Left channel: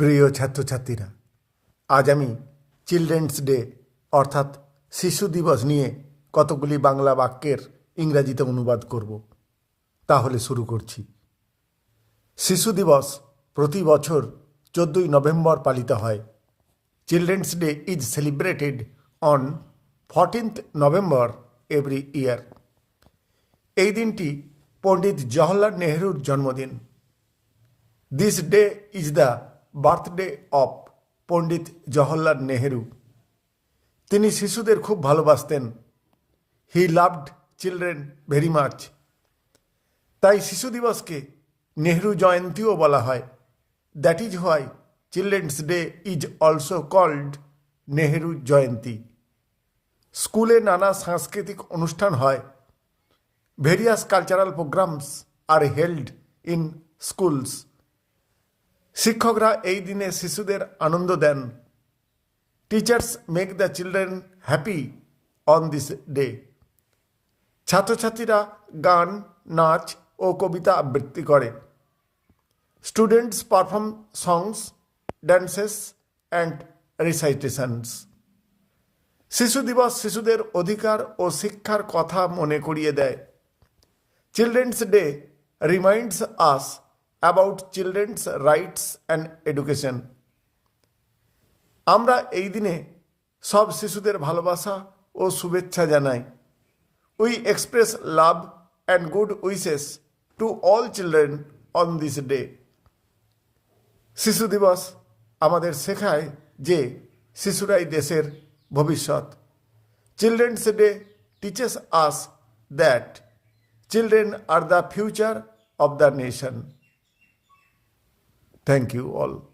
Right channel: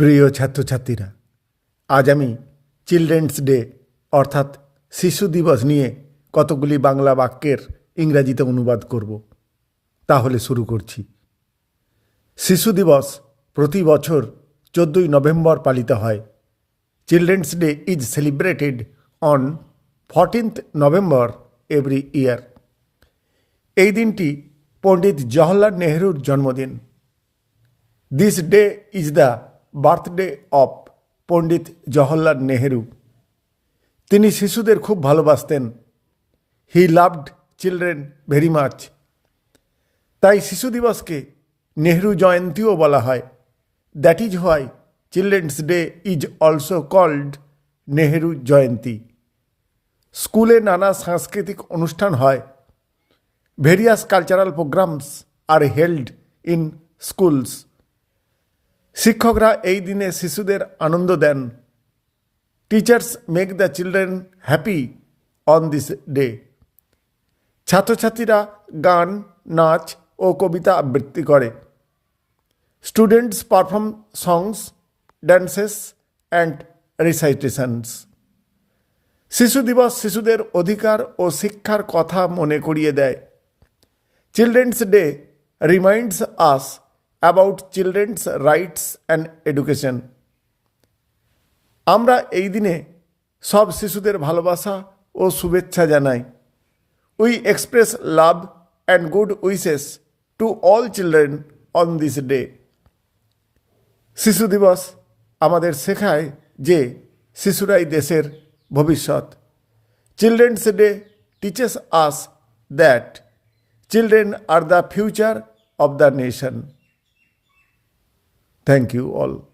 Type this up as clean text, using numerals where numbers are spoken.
প্রিয় ছাত্রছাত্রীরা, আজ আমি চিলড্রেন্স ডে অর্থাৎ শিশু দিবস নিয়ে কতগুলি বাংলা বাক্যের ইংরাজিতে অনুবাদ করব। তাহলে শুরু করছি। শিশু দিবস প্রতি বছর 14ই নভেম্বর পালিত হয়। Children's day is celebrated on 14th November every year. এই দিনটি পণ্ডিত জওহরলাল নেহরুর জন্মদিন। This day is the birthday of Pandit Jawaharlal Nehru. তিনি শিশুদের খুব ভালোবাসতেন। He loved children very much. তাই শিশু দিবসকে নেহরু জয়ন্তীও বলা হয়। That is why children's day is also called Nehru Jayanti. স্কুলে নানা সাংস্কৃতিক অনুষ্ঠান হয়। Various cultural programs are held in schools. শিক্ষকরা এই দিনে শিশুদের আনন্দ দেন। Teachers make the children happy on this day. ছাত্রছাত্রীরা গান, নাচ ও কবিতা আবৃত্তি করে। Students perform songs, dances and recitations. শিশু দিবস শিশুদের অধিকার ও শিক্ষার কথা মনে করিয়ে দেয়। Children's day reminds us about children's rights and education. আমরা এই দিনে সব শিশুদের ভালোবাসা ও শুভেচ্ছা জানাই। We express love and good wishes to all children on this day. শিশু দিবস আমাদের শেখায় যে শিশুরাই দেশের ভবিষ্যৎ। Children's day teaches us that children are the future of the nation. Thank you all.